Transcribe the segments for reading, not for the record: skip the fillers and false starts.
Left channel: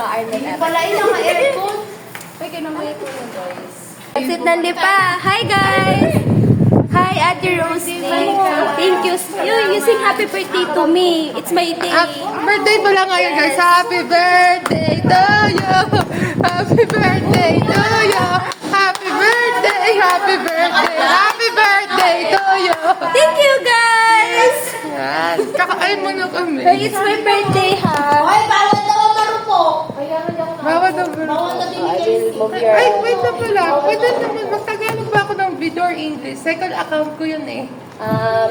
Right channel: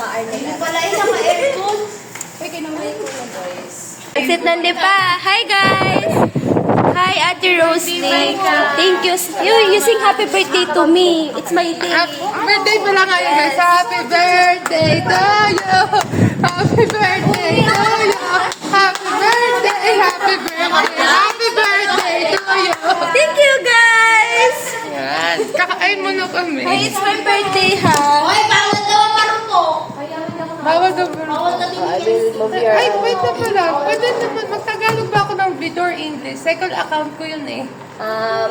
tsaka Arnold F. Wala yung naka-aircon. Pwede na may aircon, guys. Exit ng Lipa. Hi, guys! Hi, Ate Rosie. Thank you. You sing happy birthday to me. It's my day. Birthday mo lang ngayon, guys. So, happy birthday to you. Happy birthday to you. Happy birthday, happy birthday, happy birthday to you. Thank you, guys! Yan. Kakain mo na kami. Hey, it's my birthday, ha? Hoy, bawal daw ang marupok. Bawal daw bro. Ay, wait na pala. Pwede naman. Magtagalog ba ako ng video or English? Second account ko yun eh.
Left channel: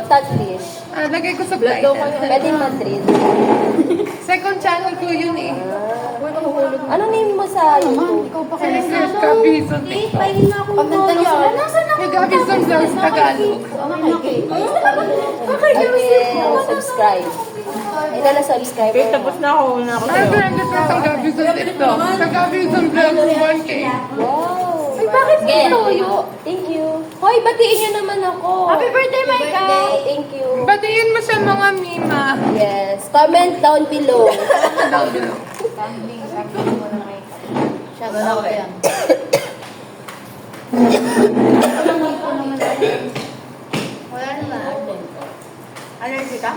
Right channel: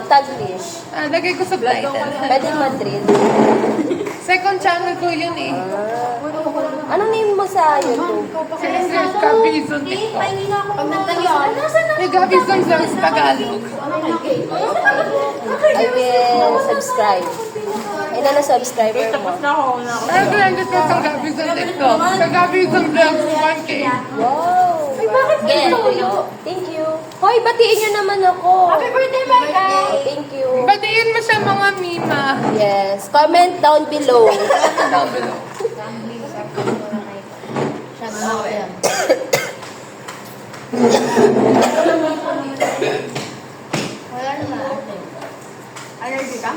Taglish. Lagay ko subtitle. Pwede Madrid. Second channel ko yun eh. Anong name mo sa YouTube? English, Gabizon TikTok. May Gabizon Vlogs Tagalog. I will subscribe. Ilan na subscriber mo? Ay, branded ko sa Gabizon TikTok. Sa Gabizon Vlogs 1K. Wow! Ay, bakit gusto? Thank you. Hoy, batiin niyo naman ako. Happy birthday, Micah! Oh, thank you. Batiin mo siya mga mima. Yes. Comment down below. Down below. Wala na. Allergy ka?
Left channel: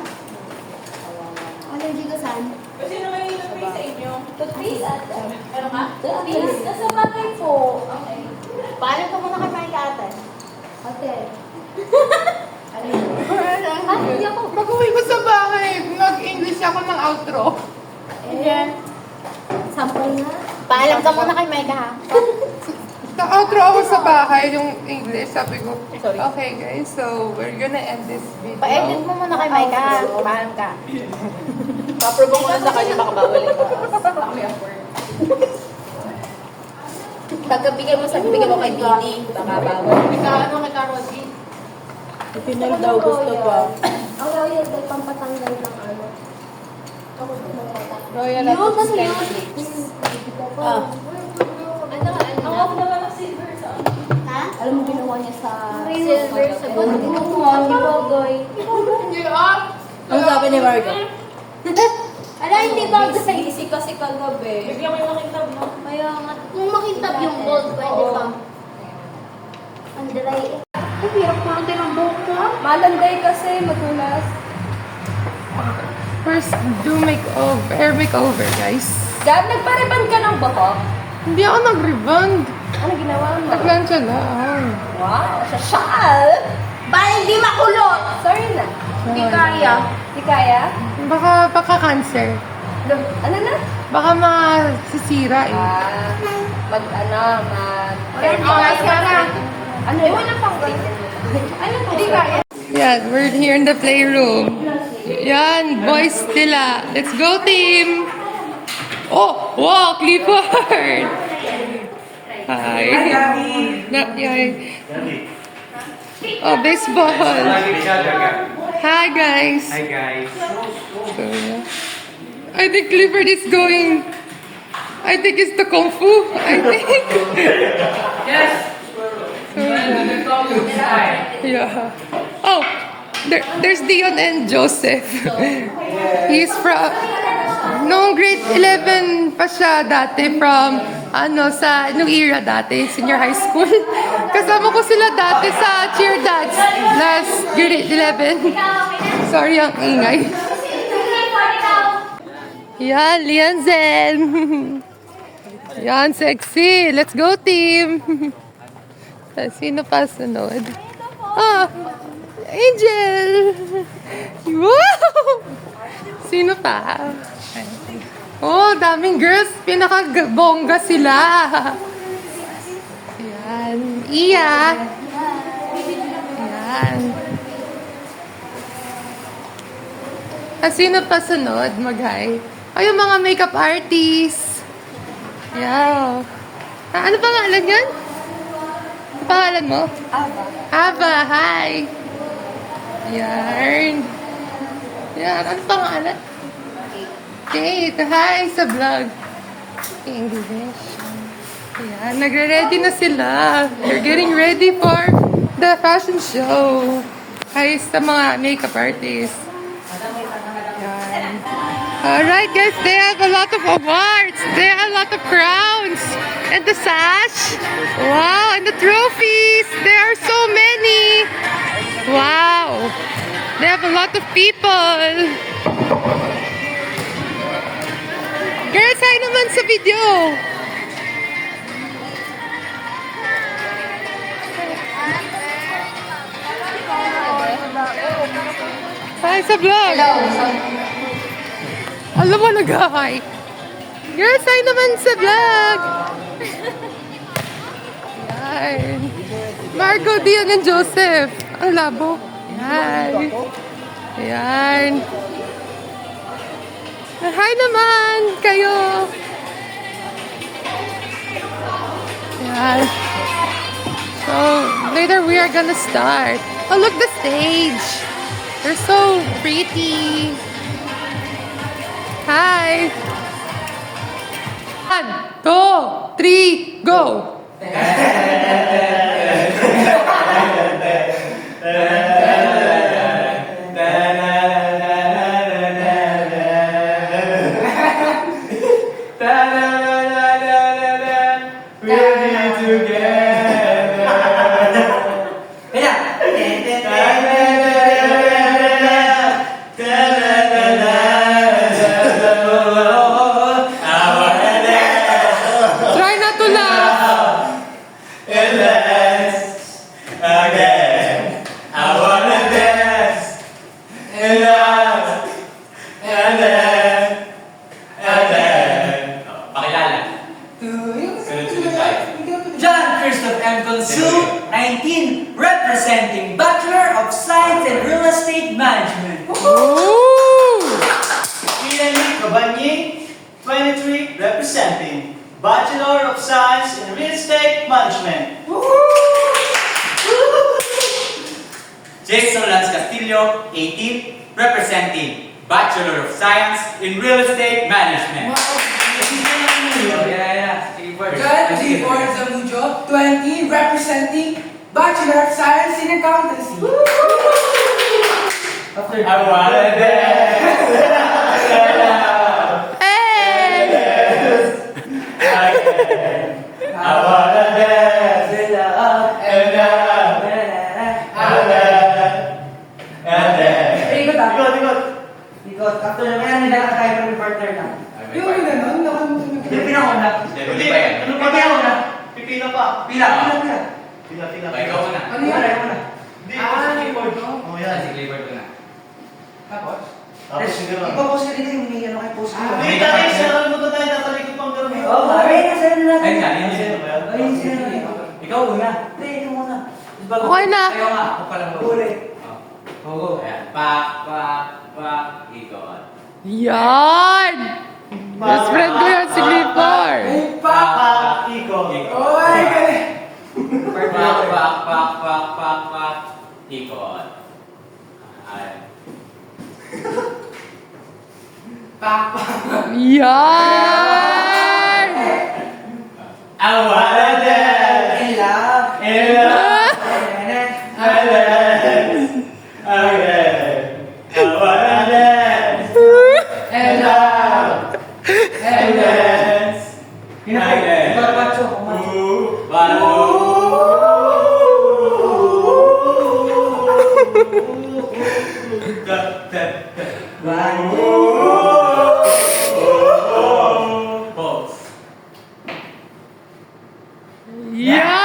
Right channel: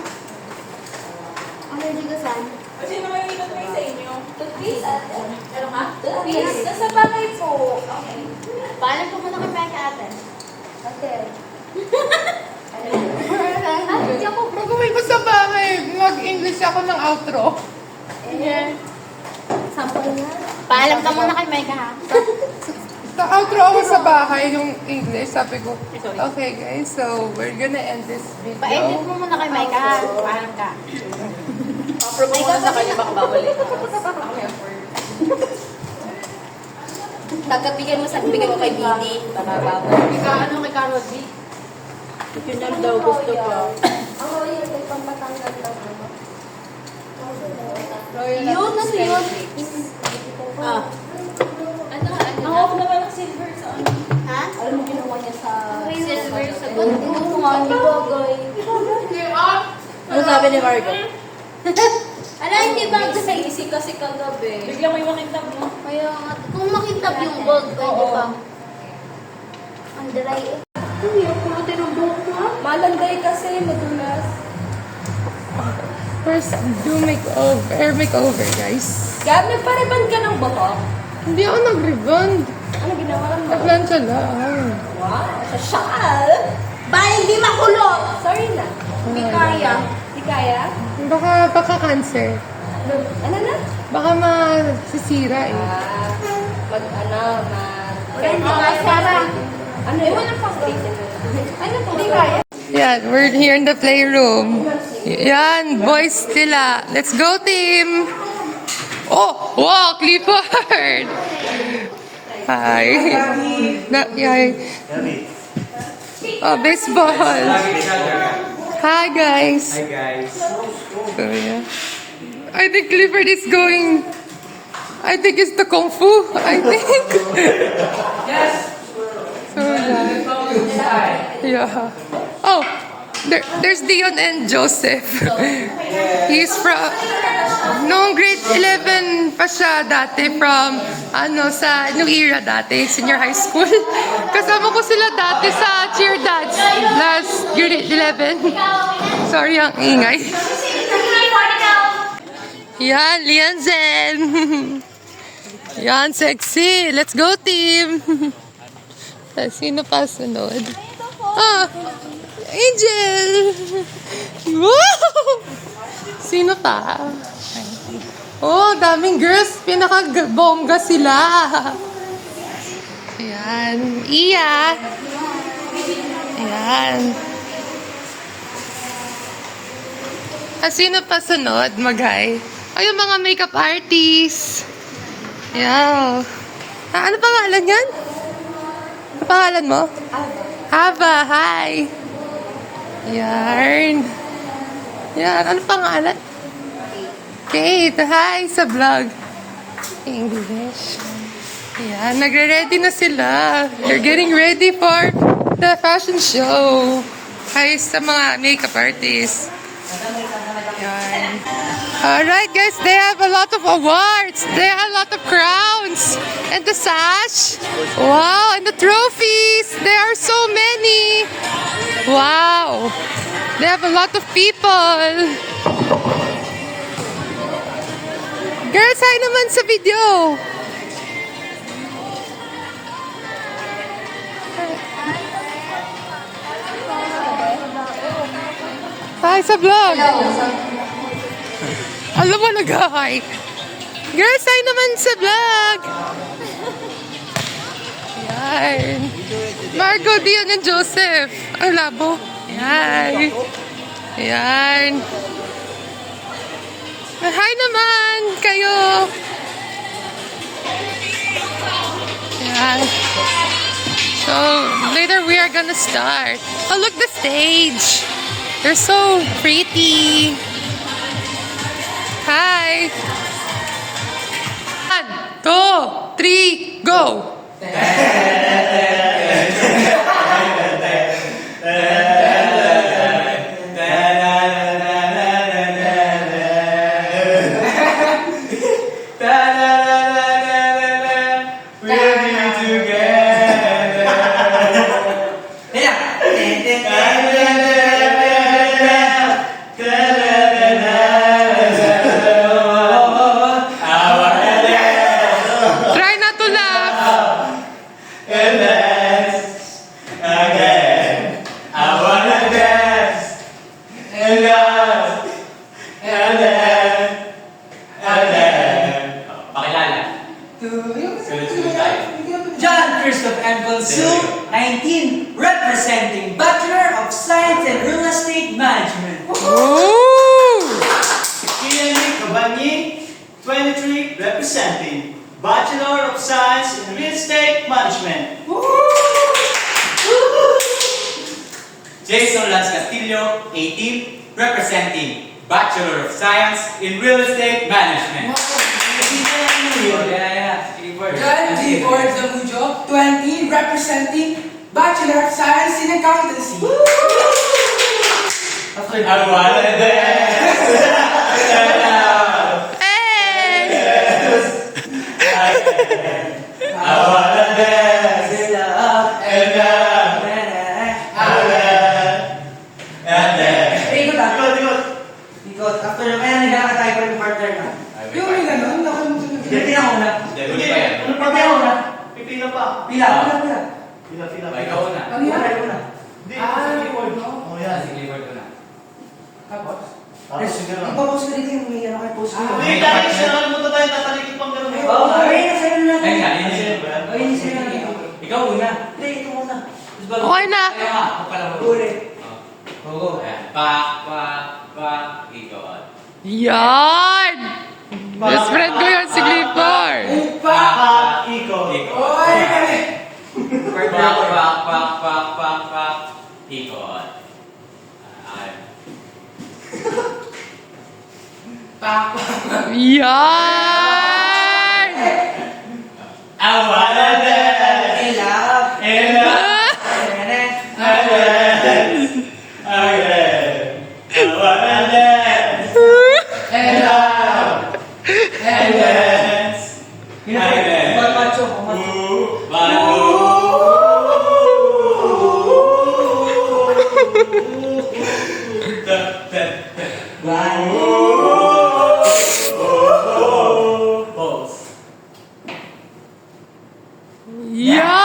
Allergy ka saan? Toothpaste ate. Toothpaste. Nasa bagay po. Okay. Paalam ko muna kami kay ate. Ate. Hindi ako, mag-uwi ko sa bahay. Mag-English ako ng outro. Sampay na. Paalam ka muna kay Micah, ha? Outro ako sa bahay, yung English. Sabi ko, okay guys, so we're gonna end this video. Pa-edit mo muna kay Micah, ha? Paalam ka. Paprobo mo na sa kanya, baka babalik. Pagkabigay mo kay Didi, baka bawal. Ano kay Karodi? Pinag daw gusto niya. Oo, yan. May pampatanggal ng ano. Royal Yun, ano yun? Ah. Ano? Ako ba ng silver sa ano? Ha? Alam mo ginawa niya sa... Silver sa gold. Ginawa niya, Gogoy. Ano sabi ni Margo? Ala, hindi ba? Sa easy kasi kagabi. Biglang may makintab, no? Kaya nga, kung makintab yung gold, pwede ba? Ang dry. Ay, ako natin ang buhok ko, ha? Malanday kasi, madulas. First, do makeover, guys. Dad, nagpariban ka ng buhok? Hindi ako nag-rebond. Ano ginawa mo? Naglansya lang. Wow, sa shawl. Ba, hindi makulot! Sorry na. Hindi kaya. Di kaya? Baka cancer. Ano na? Baka masisira eh. Wala Hindi kaya. Ano yun? Hindi kaya. Yan, we're here in the playroom. Yan, boys sila. Let's go, team! Oh, wow, Clifford! Hi. Yan. Oh, baseball. Hi, guys. Hi guys. So, yeah. I think Clifford is going... I think it's the Kung Fu. I think. Yes. So, yeah. Oh, there's Dion and Joseph. He's from... Noong grade 11 pa siya dati from... sa New Era dati, senior high school. Kasama ko sila dati sa cheer dance last grade 11. Sorry ang ingay. Yan, Lianzen. Yan, sexy. Let's go, team. Sino pa sunod? Ah, Angel. Wow! Sino pa? Oh, daming girls. Pinaka-bongga sila. Ayan. Iya. Ayan. Sino pa sunod? Mag-hi. Ay, yung mga makeup artists. Yeah. Ano pangalan yan? Ano pangalan mo? Aba. Aba, hi. Yarn. Yan. Ano pangalan? Kate, hi sa vlog. English. Ayan, nagre-ready na sila. They're getting ready for the fashion show. Hi sa mga makeup artists. Ayan. Alright guys, they have a lot of awards. They have a lot of crowns. And the sash. Wow, and the trophies. There are so many. Wow. They have a lot of people. Guys, hi naman sa video. Hi sa vlog. Alam mo, nag-hi. Girls, hi naman sa vlog. Yan. Margo, Dion, and Joseph. Ang labo. Yan. Yan. Hi naman kayo. Yan. So, later we are gonna start. Oh, look the stage. They're so pretty. Hi. 1, 2, 3, go. Try not to laugh. John Christoph M. Consul, 19, representing Bachelor of Science in Real Estate Management. Ooh. Ian Kabanying, 23, representing Bachelor of Science in Real Estate Management. Jason Lance Castillo, 18, representing Bachelor of Science in Real Estate Management. John Clifford Zamujo, 20, representing Bachelor of Science in Accountancy. I wanna dance. Hey. I wanna dance. And then. Ikot ah. Ikot. Ikot. After naman, nagkakatay pa rin partner na. Yung may ganun, nakalimutan. Pila ako na. Hindi, ano pa ba yun? Pipila pa. Pila. Pila. Ikaw muna. Ano yan? Ayaw ko na. Hindi, keyboard. Oh, yan. Deliver ko na. Tapos? Tapos sige lang. Ipapost ka dito yung may ano kayo post ko. Hindi, dahil siya mo tayo tatalikod pang gano'n. Oo, ayun na sa'yo na. Ayun nga, yun yun. Ayun na sa'yo na. Ikaw una. Hindi, ito ko na. Okay na. Ayaw nga, ako pala mo. Uli. Oo. Ayan. Pak, ikot. Yan. Best friend ko yan si Clifford. Pa, ikot. Oy, kami. Pak, ikot. Ayan. Yan. I wanna dance. In love. And love. Again. I wanna dance. And love. And dance. Again. Macho. Ooh. Yan.